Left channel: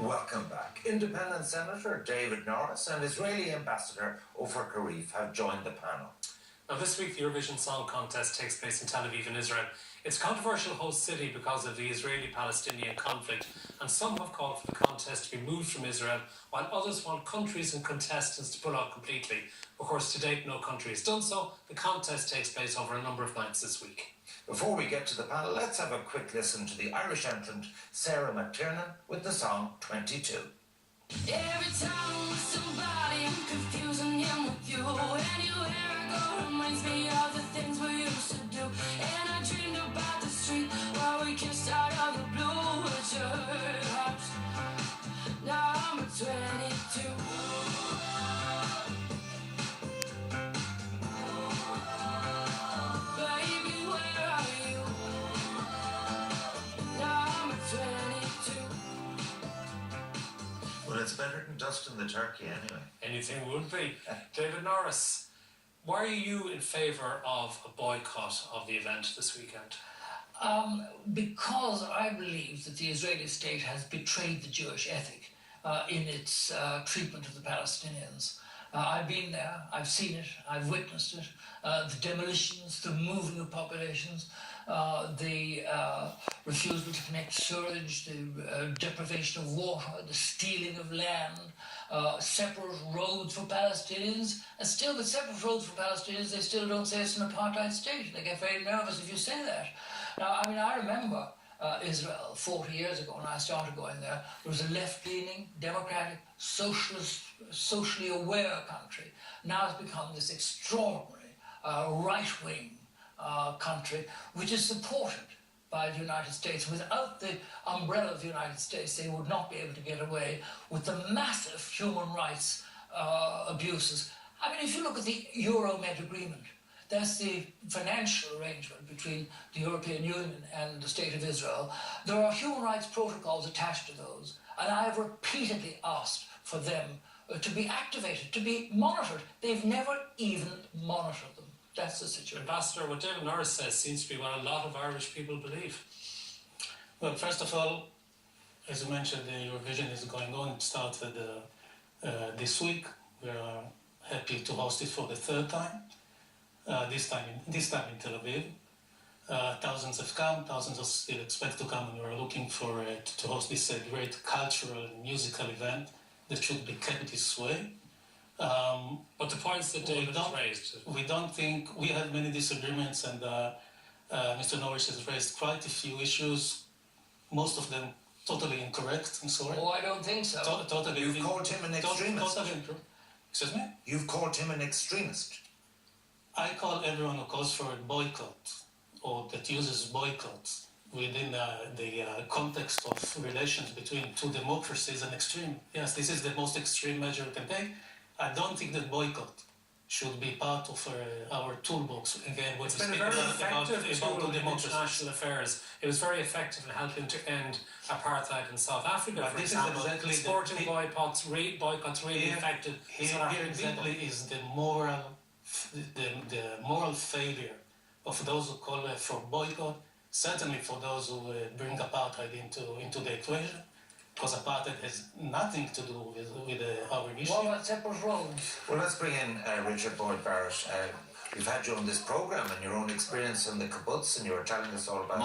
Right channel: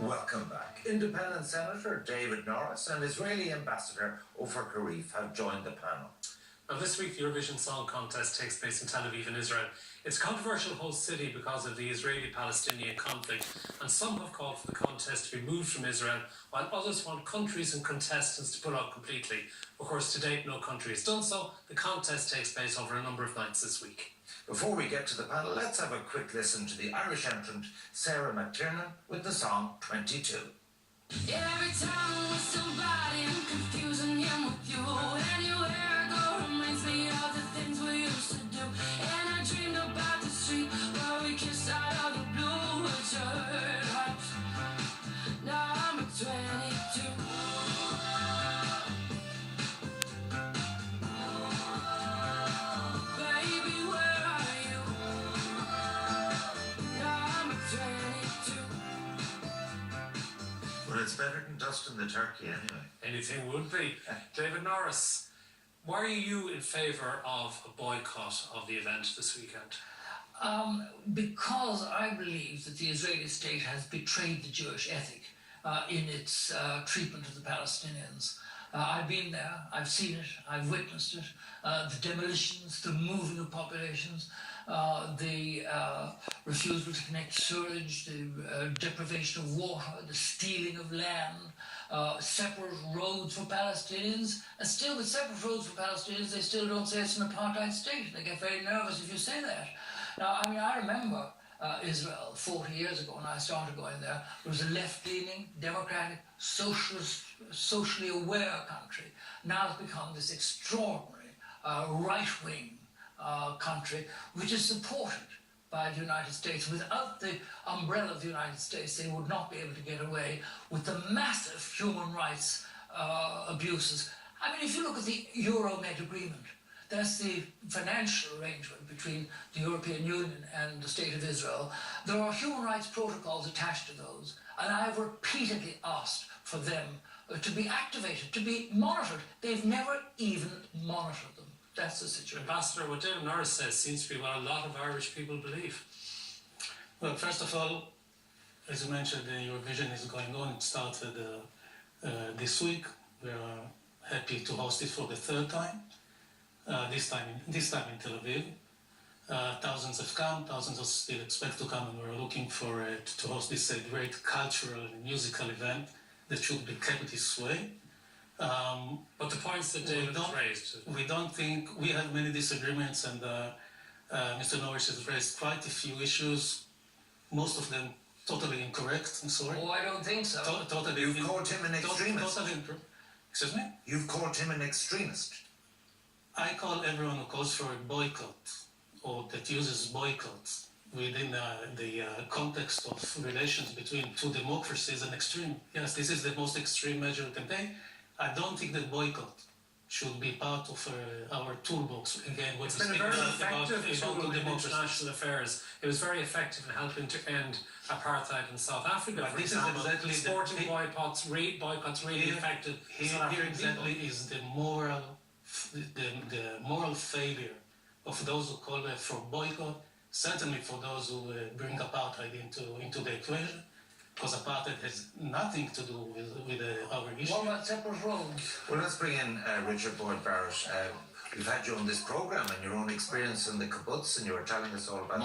Welcome back. Independent Senator David Norris and Israeli Ambassador Ofer Karif have joined the panel. Now, this week, the Eurovision Song Contest takes place in Tel Aviv in Israel. It's a controversial host city because of the Israeli-Palestinian conflict, and some have called for the contest to be moved from Israel, while others want countries and contestants to pull out completely. Of course, to date, no country has done so. The contest takes place over a number of nights this week. Before we get to the panel, let's have a quick listen to the Irish entrant Sarah McTiernan with the song 22. Every time with somebody, I'm confusing him with you. Anywhere I go reminds me of the things we used to do. And I dreamed about the street where we kissed out of the blue. But you hurt heart. Now I'm a 22. Baby, where are you? Now I'm a 22. Well, it's better than dust in the turkey anyway. Anything would be. David Norris, why are you in favour of a boycott of the event this weekend? Because I believe that the Israeli state has betrayed the Jewish ethic in its treatment of the Palestinians. I've been there, I've seen it, I've witnessed it. The demolitions, the moving of populations, the refusal to connect sewage, the deprivation of water, the stealing of land, separate roads for Palestinians, and still with separate roads for Palestinians, they still don't say it's an apartheid state. They get very nervous if you say that. Now, I remember Israel 40 years ago when I started going there. It was a left-leaning, democratic, socialist, socially aware country. Now it's become this extraordinary right-wing country which is supported by the United States. Without the umbrella of the United States, they would not be able to get away with the massive human rights abuses. I mean, if you look at the Euromed agreement, that's the financial arrangement between the European Union and the State of Israel. There are human rights protocols attached to those, and I have repeatedly asked for them to be activated, to be monitored. They've never even monitored them. That's the situation. Ambassador, what David Norris says seems to be what a lot of Irish people believe. Well, first of all, as you mentioned, the Eurovision is going on. It started this week. We are happy to host it for the third time. This time in Tel Aviv. Thousands have come, thousands are still expect to come, and we're looking for to host this great cultural and musical event that should be kept this way. But the points that David has raised... We don't think... We have many disagreements, and Mr. Norris has raised quite a few issues, most of them totally incorrect, I'm sorry. Oh, I don't think so. Totally. You've called him an extremist. Excuse me? You've called him an extremist. I call everyone who calls for a boycott, or that uses boycott within the context of relations between two democracies an extreme. Yes, this is the most extreme measure we can take. I don't think that boycott should be part of our toolbox. Again, it's been a very effective tool in international affairs. It was very effective in helping to end apartheid in South Africa, for example. Exactly sporting boycotts really affected South African exactly people. Is the moral failure of those who call for boycott, certainly for those who bring apartheid into the equation, because apartheid has nothing to do with our issue. What about separate roads? Well, let's bring in Richard Boyd Barrett. We've had you on this programme and your own experience in the kibbutz, and you were telling us all about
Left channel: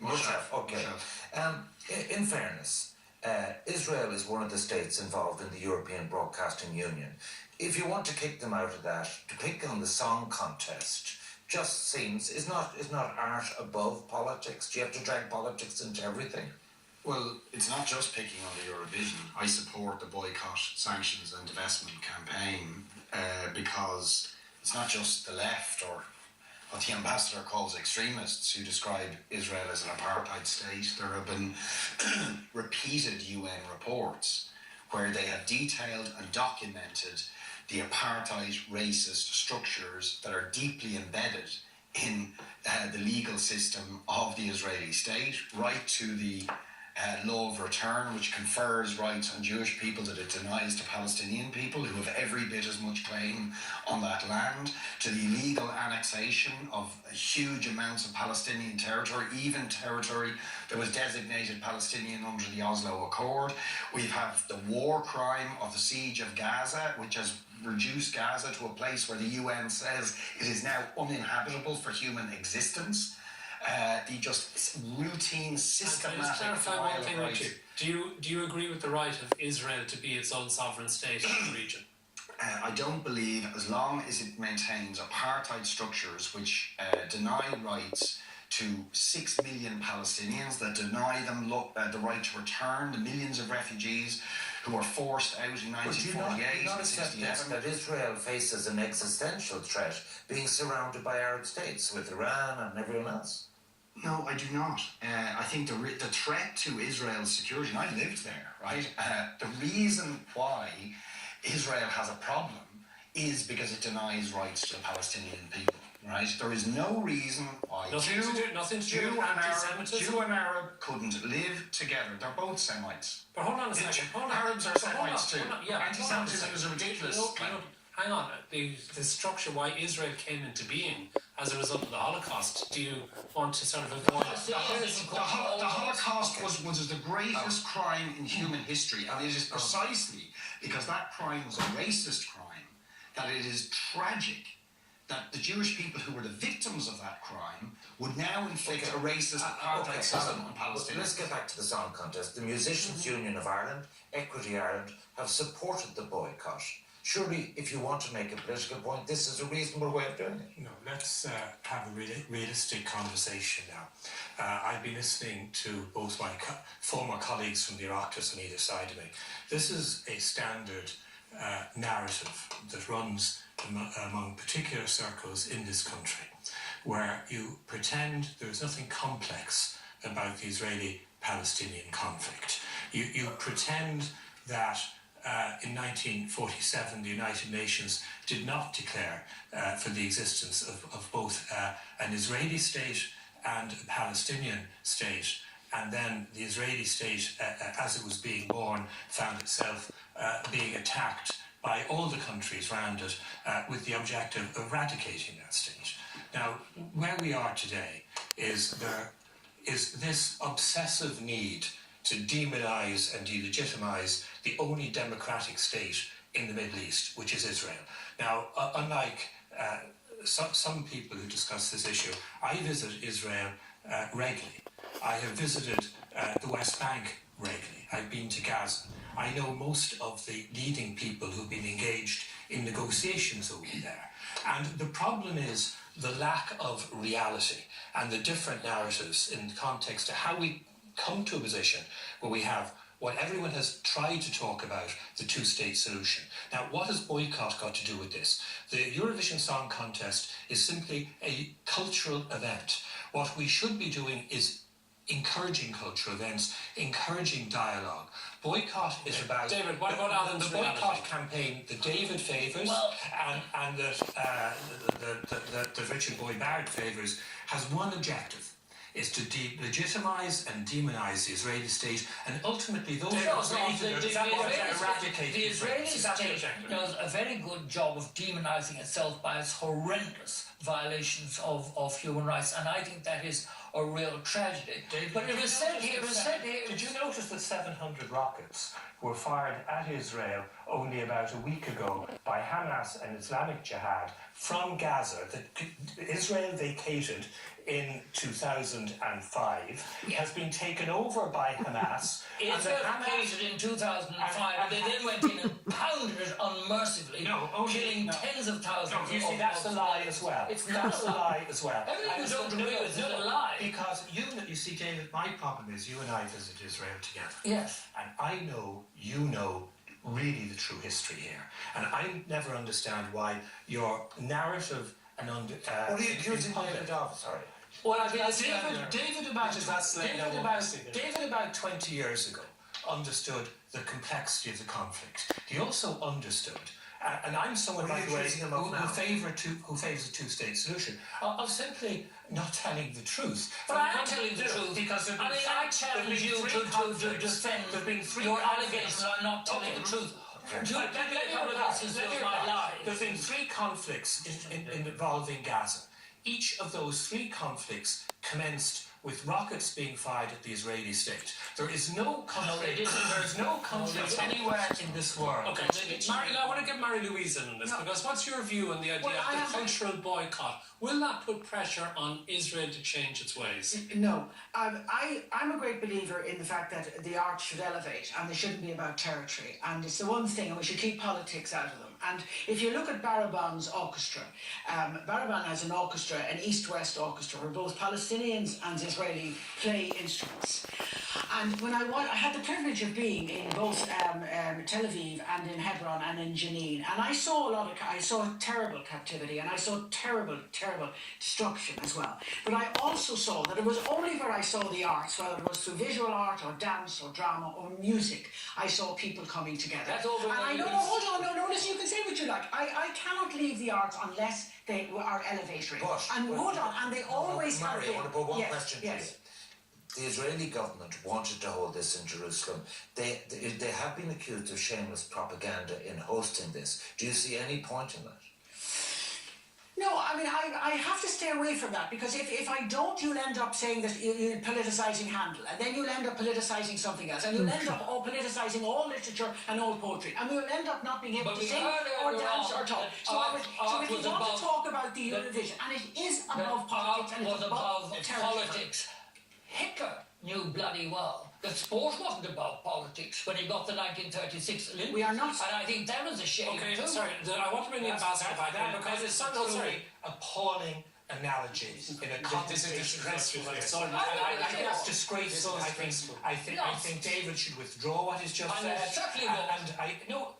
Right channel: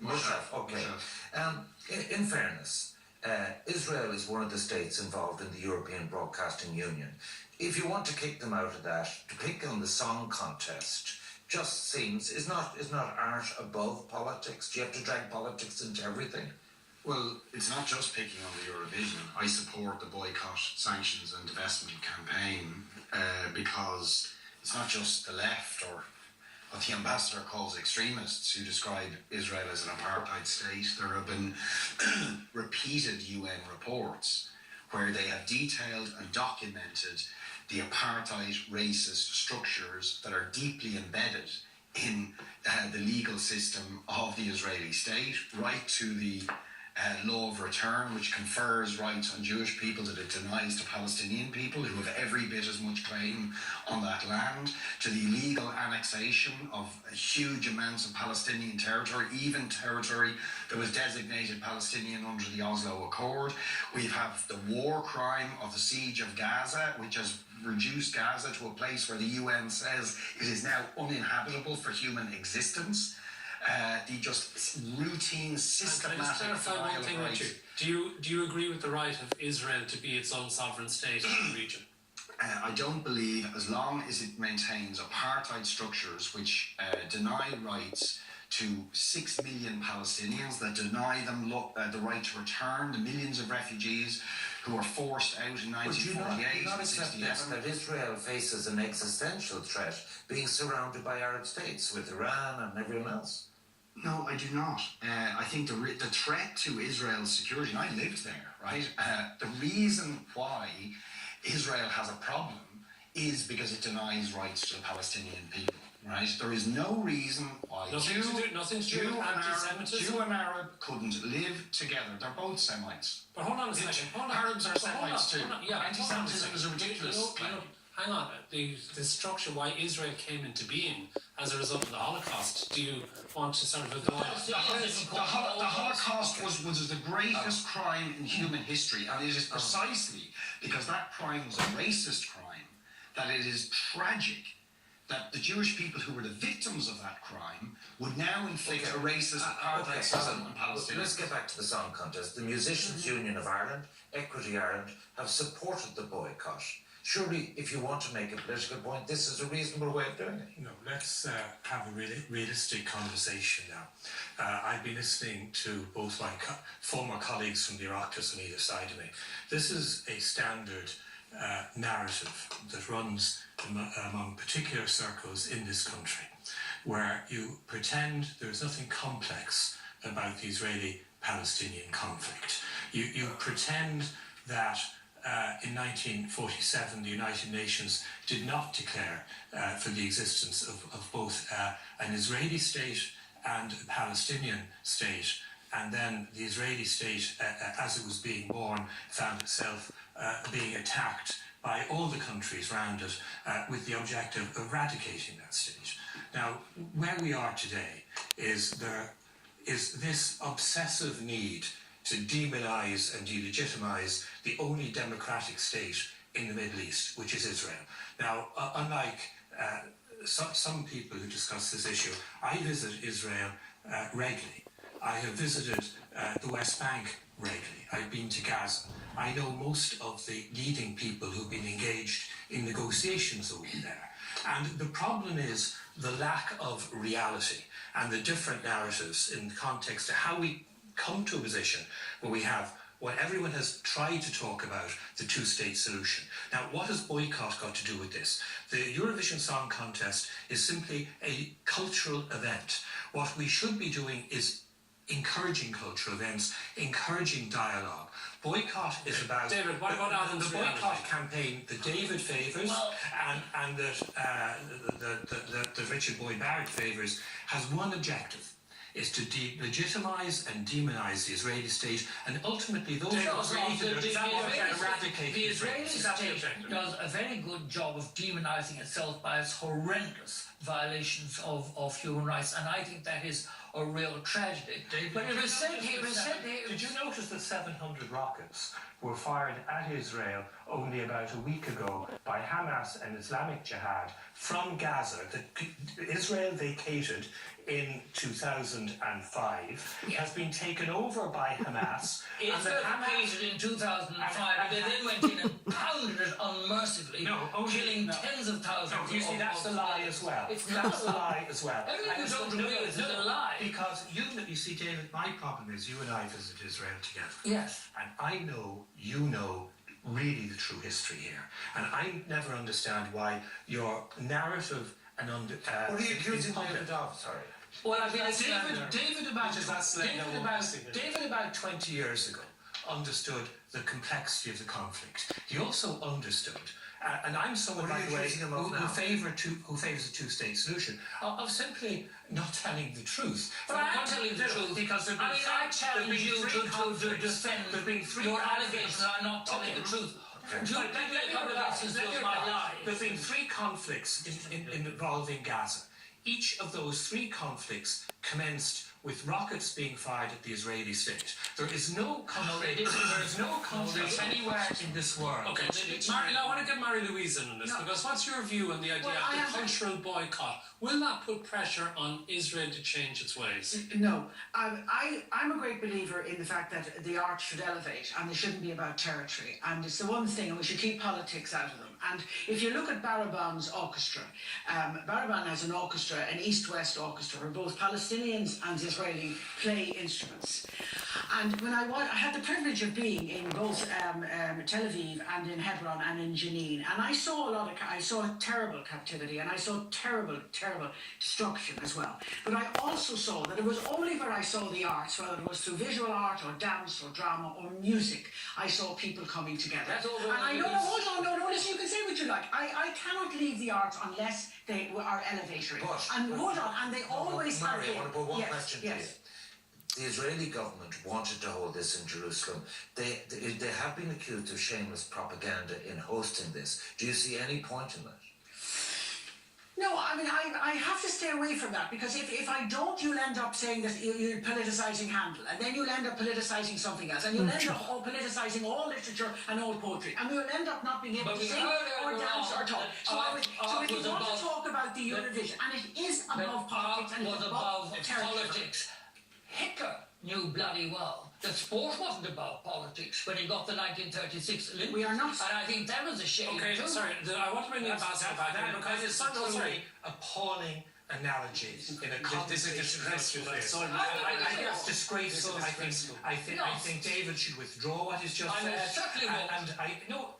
Moshav. Okay. In fairness, Israel is one of the states involved in the European Broadcasting Union. If you want to kick them out of that, to pick on the song contest just seems, is not art above politics? Do you have to drag politics into everything? Well, it's not just picking on the Eurovision. I support the boycott, sanctions and divestment campaign because it's not just the left or what the ambassador calls extremists who describe Israel as an apartheid state. There have been repeated UN reports where they have detailed and documented the apartheid racist structures that are deeply embedded in the legal system of the Israeli state, right to the law of return, which confers rights on Jewish people that it denies to Palestinian people who have every bit as much claim on that land, to the illegal annexation of huge amounts of Palestinian territory, even territory that was designated Palestinian under the Oslo Accord. We have the war crime of the siege of Gaza, which has reduced Gaza to a place where the UN says it is now uninhabitable for human existence. The just routine, systematic denial of rights. Do you agree with the right of Israel to be its own sovereign state in the region? I don't believe, as long as it maintains apartheid structures which deny rights to 6 million Palestinians, that deny them the right to return, the millions of refugees who were forced out in 1948 not and accept 67. that Israel faces an existential threat being surrounded by Arab states with Iran and everyone else? No, I do not. I think the threat to Israel's security, and I lived there, right? The reason why Israel has a problem is because it denies rights to the Palestinian people, right? There is no reason why Nothing to do with anti-Semitism. Jew and Arab couldn't live together. They're both Semites. But hold on a second. Arabs are Semites too. Yeah, anti-Semitism is a ridiculous claim. Hang on. The structure why Israel came into being as a result of the Holocaust. Do you want to sort of avoid The Holocaust was the greatest crime in human history, and it is precisely because that crime was a racist crime that it is tragic that the Jewish people who were the victims of that crime would now inflict a racist apartheid system on Palestinians. Let's get back to the song contest. The Musicians Union of Ireland, Equity Ireland, have supported the boycott. Surely, if you want to make a political point, this is a reasonable way of doing it. No, let's have a really realistic conversation now. I've been listening to both my former colleagues from the Oireachtas on either side of me. This is a standard narrative that runs among particular circles in this country, where you pretend there's nothing complex about the Israeli-Palestinian conflict. You pretend that in 1947, the United Nations did not declare for the existence of both an Israeli state and a Palestinian state, and then the Israeli state, as it was being born, found itself being attacked by all the countries around it with the objective of eradicating that state. Now, where we are today is this obsessive need to demonise and delegitimise the only democratic state in the Middle East, which is Israel. Now, unlike some people who discuss this issue, I visit Israel regularly. I have visited the West Bank regularly. I've been to Gaza. I know most of the leading people who've been engaged in negotiations over there. And the problem is the lack of reality and the different narratives in the context of how we come to a position where we have what everyone has tried to talk about, the two-state solution. Now, what has boycott got to do with this? The Eurovision Song Contest is simply a cultural event. What we should be doing is encouraging cultural events, encouraging dialogue. Boycott is about David, what about Adam's the boycott campaign that David favours and that Richard Boyd Barrett favours has one objective, is to delegitimise and demonise the Israeli state, and ultimately those who created it eradicate the Israeli state does a very good job of demonising itself by its horrendous violations of human rights, and I think that is a real tragedy. David, but it was said here. Did you notice that 700 rockets were fired at Israel only about a week ago by Hamas and Islamic Jihad from Gaza that Israel vacated in 2005, has been taken over by Hamas. Israel vacated in 2005, and they then went in and pounded it unmercifully, killing tens of thousands. You see, that's a lie as well. That's a lie as well. Everything you don't agree with is a lie. Because you see, David, my problem is you and I visited Israel together. Yes. And I know, you know, really the true history here. And I never understand why your narrative and what are you accusing David of? Sorry. Well, I mean, David about 20 years ago understood the complexity of the conflict. He also understood And I'm someone, by the way, who favours a two-state solution, of simply not telling the truth. But I am telling the truth. Because I challenge you to defend your allegations are not telling the truth. There's been 3 conflicts involving Gaza. Each of those 3 conflicts commenced with rockets being fired at the Israeli state. There is no conflict. There is no conflict anywhere in this world. Okay, I want to get Mary-Louise in on this, because what's your view on the idea of the cultural boycott? Will that put pressure on Israel to change its ways? No. I'm a great believer in the fact that the arts should elevate and they shouldn't be about territory. And it's the one thing, and we should keep politics out of them. And if you look at Baraban's orchestra, Baraban has an orchestra, an East-West orchestra, where both Palestinians and Israeli play instruments. And when I had the privilege of being in both Tel Aviv and in Hebron and in Jenin, and I saw I saw terrible captivity, and I saw terrible destruction as well. But I also saw that it was only where I saw the arts, whether it was through visual art or dance or drama or music, I saw people coming together. That's all. And I know, hold on, no, listen, you can say what you like. I cannot leave the arts unless they are elevatory. Hold on, and they always have been. I want to put one question to you. The Israeli government wanted to hold this in Jerusalem. They have been accused of shameless propaganda in hosting this. Do you see any point in that? No, I mean, I have to stay away from that, because if I don't, you'll end up saying that you're politicising Handel, and then you'll end up politicising something else, and you'll end up politicising all literature and all poetry, and we'll end up not being able to sing or dance or talk. So if you want to talk about the Eurovision, and it is above politics and it's above politics. Hitler knew bloody well that sport wasn't about politics when he got the 1936 Olympics. We are not. And I think that was a shame. Okay, too. sorry, I want to bring the ambassador back in, because it's such a appalling analogy in a conversation. This is disgraceful. It's disgraceful. I think David should withdraw what he's just said. And I know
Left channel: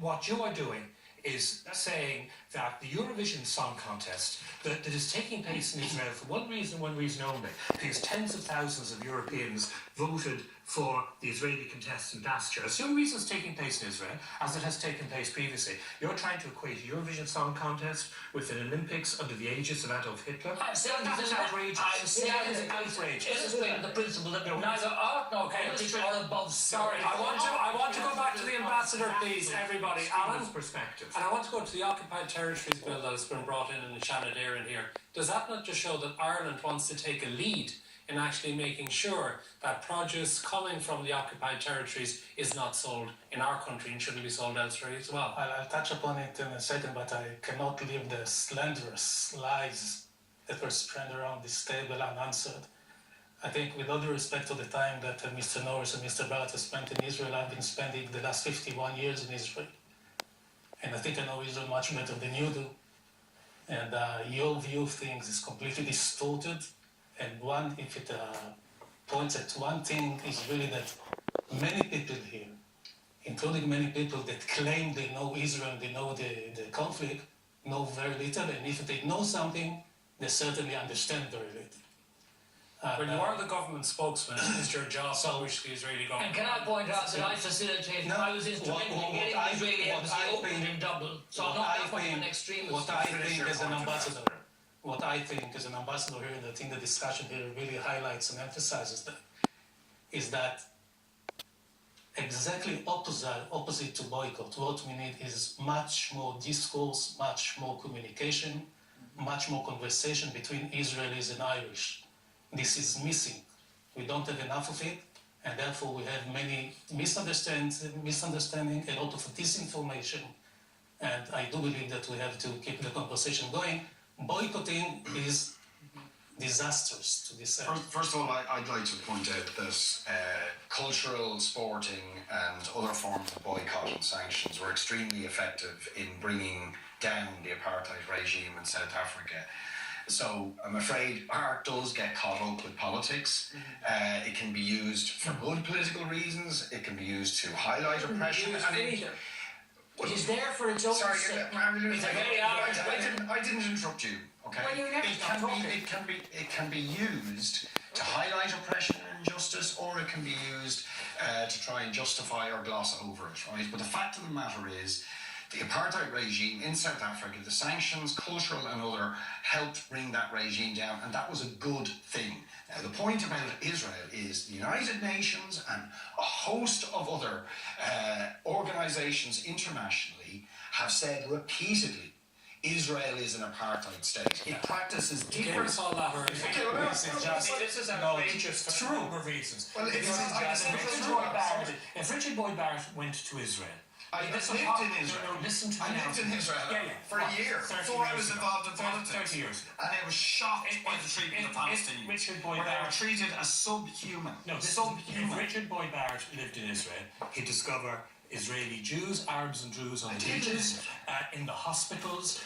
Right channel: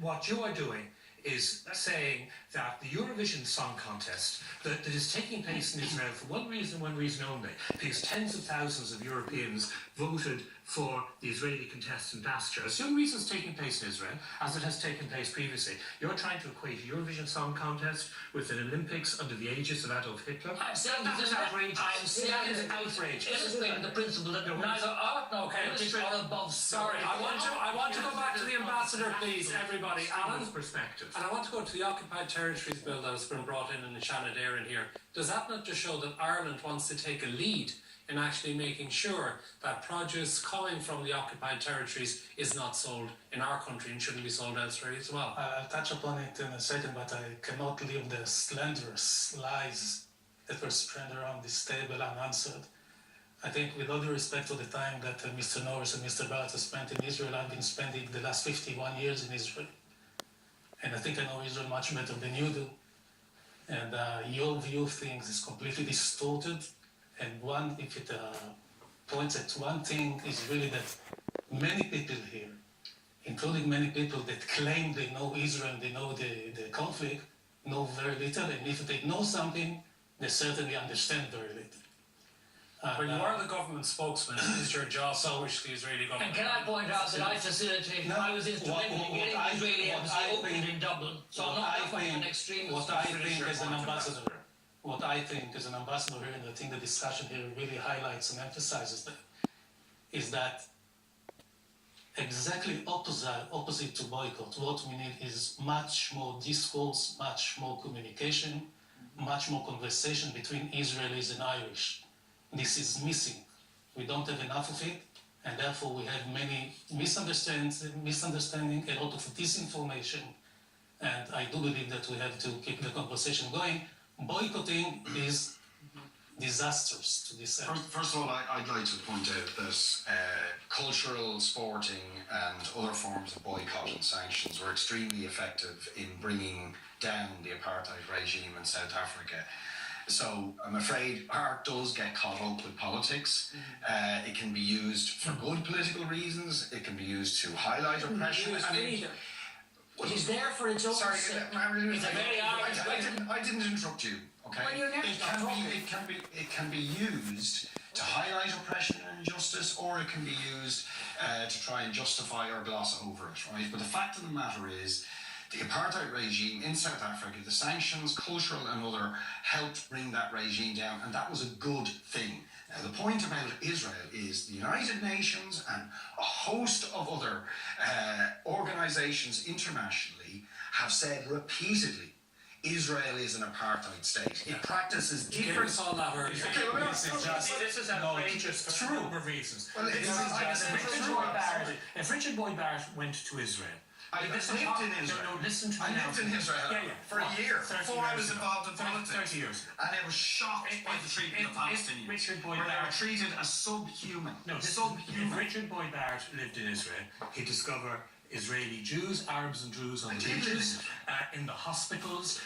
what you are doing is saying that the Eurovision Song Contest that is taking place in Israel for one reason only, because tens of thousands of Europeans voted for the Israeli contestant Bastia. It's the only reason it's taking place in Israel, as it has taken place previously. You're trying to equate a Eurovision Song Contest with an Olympics under the aegis of Adolf Hitler. I'm saying it's outrageous. Illustrating the principle that neither art nor politics are above. Sorry, I want to go back to the ambassador, please, everybody. Alan's perspective. And I want to go to the Occupied Territories bill that has been brought in the Shannon Éireann here. Does that not just show that Ireland wants to take a lead in actually making sure that produce coming from the occupied territories is not sold in our country and shouldn't be sold elsewhere as well? I'll touch upon it in a second, but I cannot leave the slanderous lies that were spread around this table unanswered. I think, with all due respect to the time that Mr. Norris and Mr. Barrett have spent in Israel, I've been spending the last 51 years in Israel. And I think I know Israel much better than you do. And your view of things is completely distorted. And if it points at one thing, is really that many people here, including many people that claim they know Israel, they know the conflict, know very little. And if they know something, they certainly understand very little. When you are the government spokesman, it's your job to push the Israeli government. And can I point out that I facilitated, I was instrumental in getting the Israeli embassy opened in Dublin. So I'm not that much of an extremist. What I think as an ambassador here, and I think the discussion here really highlights and emphasizes that, is that exactly opposite to boycott. What we need is much more discourse, much more communication, much more conversation between Israelis and Irish. This is missing. We don't have enough of it, and therefore we have many misunderstanding, a lot of disinformation, and I do believe that we have to keep the conversation going. Boycotting is disastrous to this end. First of all, I'd like to point out that cultural, sporting and other forms of boycott and sanctions were extremely effective in bringing down the apartheid regime in South Africa. So I'm afraid art does get caught up with politics. It can be used for good political reasons. It can be used to highlight oppression. It is there for its own sake. Sorry, I didn't interrupt you. Okay. Well, you're never it can be used to highlight oppression and injustice, or it can be used to try and justify or gloss over it. Right. But the fact of the matter is The apartheid regime in South Africa, the sanctions, cultural and other, helped bring that regime down, and that was a good thing. Now, the point about Israel is the United Nations and a host of other organisations internationally have said repeatedly Israel is an apartheid state. It practices different... This is outrageous for a number of reasons. Well, if Richard Boyd Barrett went to Israel, I lived in Israel. No, listen to me. I lived in Israel for a year before I was involved in politics. 30 years. And I was shocked by the treatment of Palestinians. Richard Boyd where they were Barrett treated as subhuman. No, subhuman. If Richard Boyd Barrett lived in Israel, he'd discover Israeli Jews, Arabs and Druze on the beaches, in the hospitals,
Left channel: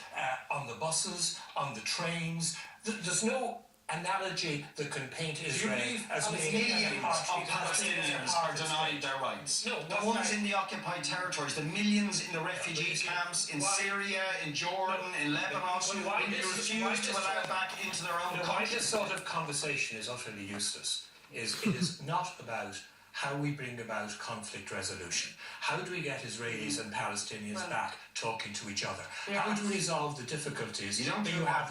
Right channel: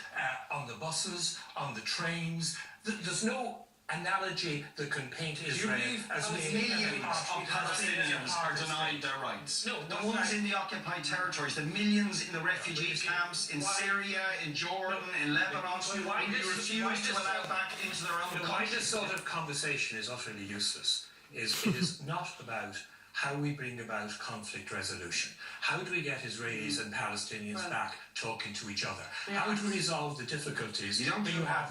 on the buses, on the trains. There's no analogy that can paint Israel as being millions of Palestinians are denied their rights. No, the ones in the occupied territories, the millions in the refugee camps in Syria, in Jordan, in Lebanon, who we refuse to allow back into their own why country. this sort of conversation is utterly useless is it is not about how we bring about conflict resolution. How do we get Israelis and Palestinians back talking to each other? How do we resolve the difficulties? You don't have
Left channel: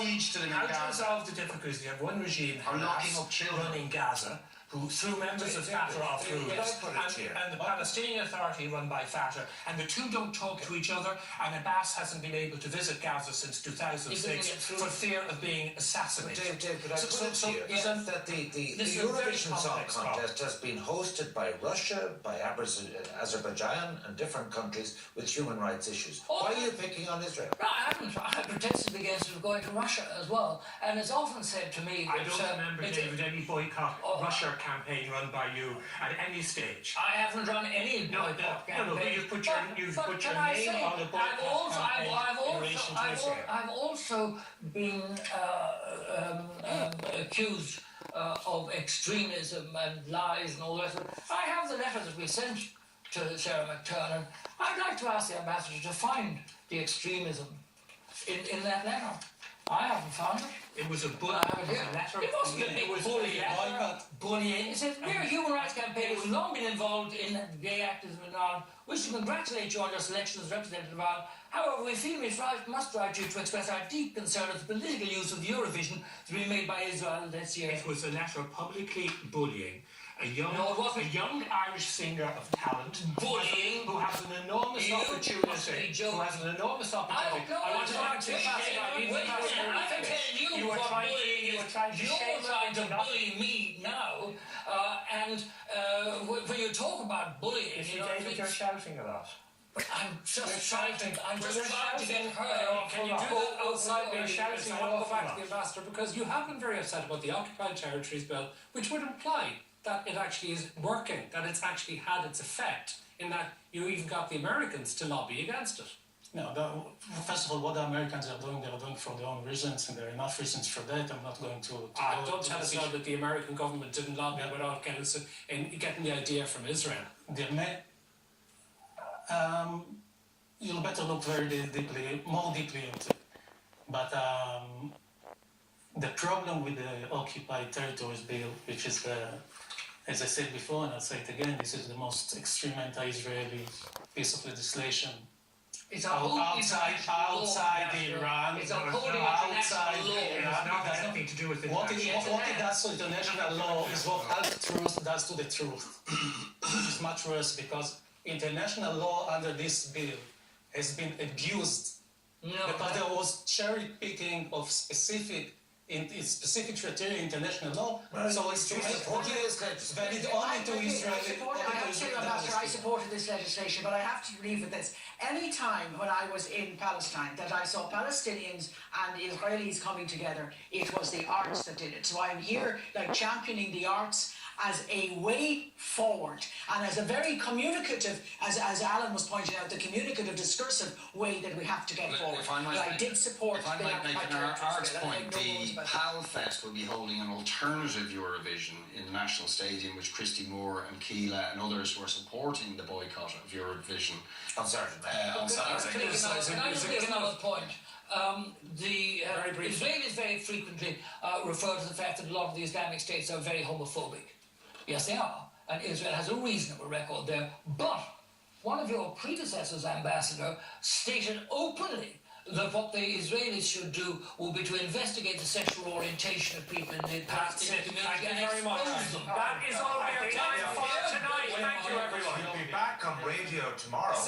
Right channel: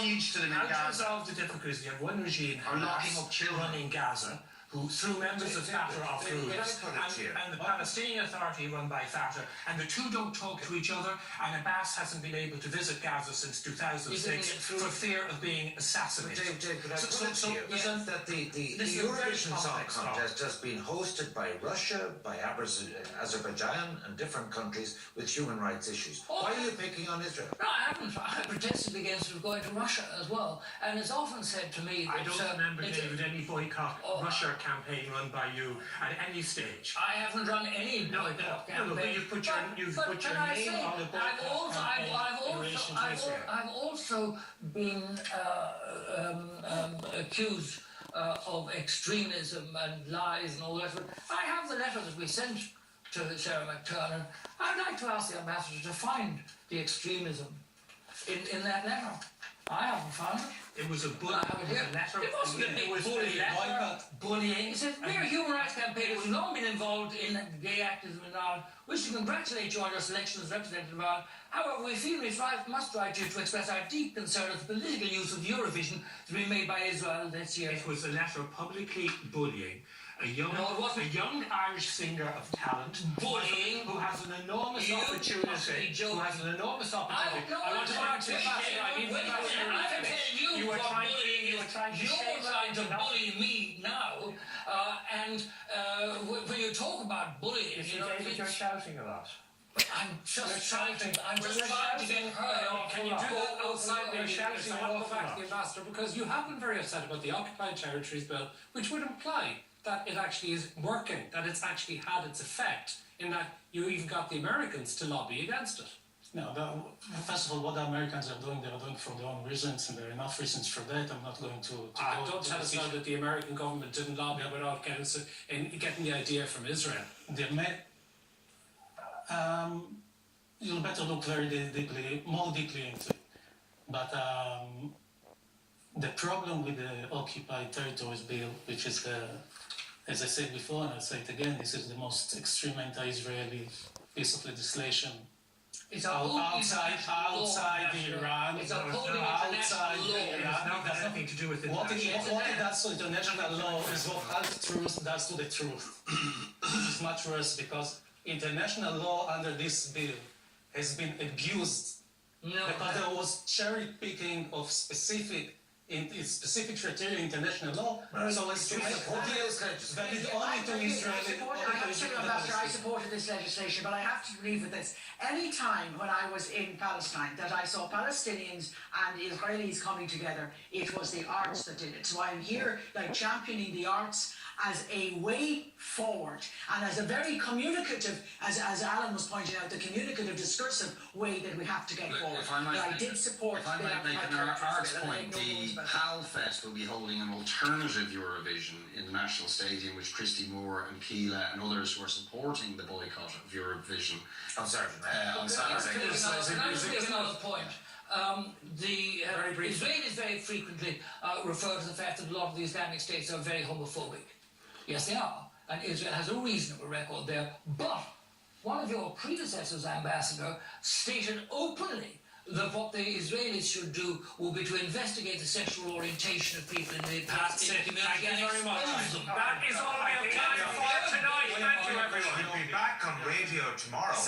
siege to them in How to Gaza. resolve the difficulties? You have one regime locking up children running Gaza, who through members of Fatah are groups, and the Palestinian Authority run by Fatah, and the two don't talk to each other, and Abbas hasn't been able to visit Gaza since 2006 for fear of being assassinated. Dave, could I put it to you that the Eurovision Song Contest has been hosted by Russia, by Azerbaijan and different countries with human rights issues. Why are you picking on Israel? No, I haven't. I protested against it going to Russia as well. And it's often said to me that... I don't remember, David, any boycott Russia campaign run by you at any stage. I haven't run any boycott campaign. No, but you've put your name on the boycott campaign. I've also been accused of extremism and lies and all that. I have the letter that we sent to Sarah McTurnan. I'd like to ask the ambassador to find the extremism in that letter. I haven't found it. It was a letter. It wasn't a big bullying. It's a mere human rights campaign. We've long been involved in gay activism in Ireland. We should congratulate you on your selection as representative of Ireland. However, we feel we must write you to express our deep concern at the political use of Eurovision to be made by Israel this year. It was a letter publicly bullying a young Irish singer of talent bullying who has an enormous opportunity. I want to you were trying to bully me now, and when you talk about bullying, you're shouting a lot. I'm just trying to get her. Can you do that outside the shouting? I want to go back to the ambassador because you have been very upset about the Occupied Territories Bill, which would imply that it actually is working, that it's actually had its effect, in that you even got the Americans to lobby against it. No, first of all, what the Americans are doing, they're doing for their own reasons, and there are enough reasons for that. I'm not going to don't tell us now that the American government didn't lobby without getting the idea from Israel. You'll better look more deeply into it. But the problem with the Occupied Territories Bill, which is as I said before, and I'll say it again, this is the most extreme anti-Israeli piece of legislation. It's outside Iran. It's outside Iran. It has nothing to do with what it does to international law is what half-truth does to the truth. It's much worse because international law under this bill has been abused because there was cherry picking of specific criteria in international law. So it's to make deals valid only to Israeli. I supported this legislation, but I have to leave with this. Any time when I was in Palestine that I saw Palestinians and Israelis coming together, it was the arts that did it. So I'm here championing the arts as a way forward and as a very communicative, as Alan was pointing out, the communicative, discursive way that we have to get forward. I did support. If I might make an arts point, the PAL Fest will be holding an alternative Eurovision in the National Stadium, which Christy Moore and Keela and others were supporting the boycott of Eurovision on Saturday. Another point. The Israelis very frequently refer to the fact that a lot of the Islamic states are very homophobic. Yes, they are. and Israel has a reasonable record there. But one of your predecessors, Ambassador, stated openly that what the Israelis should do will be to investigate the sexual orientation of people in the Palestinian community and expose them. That is all we have time for tonight. Thank you, everyone. We'll be back on radio tomorrow.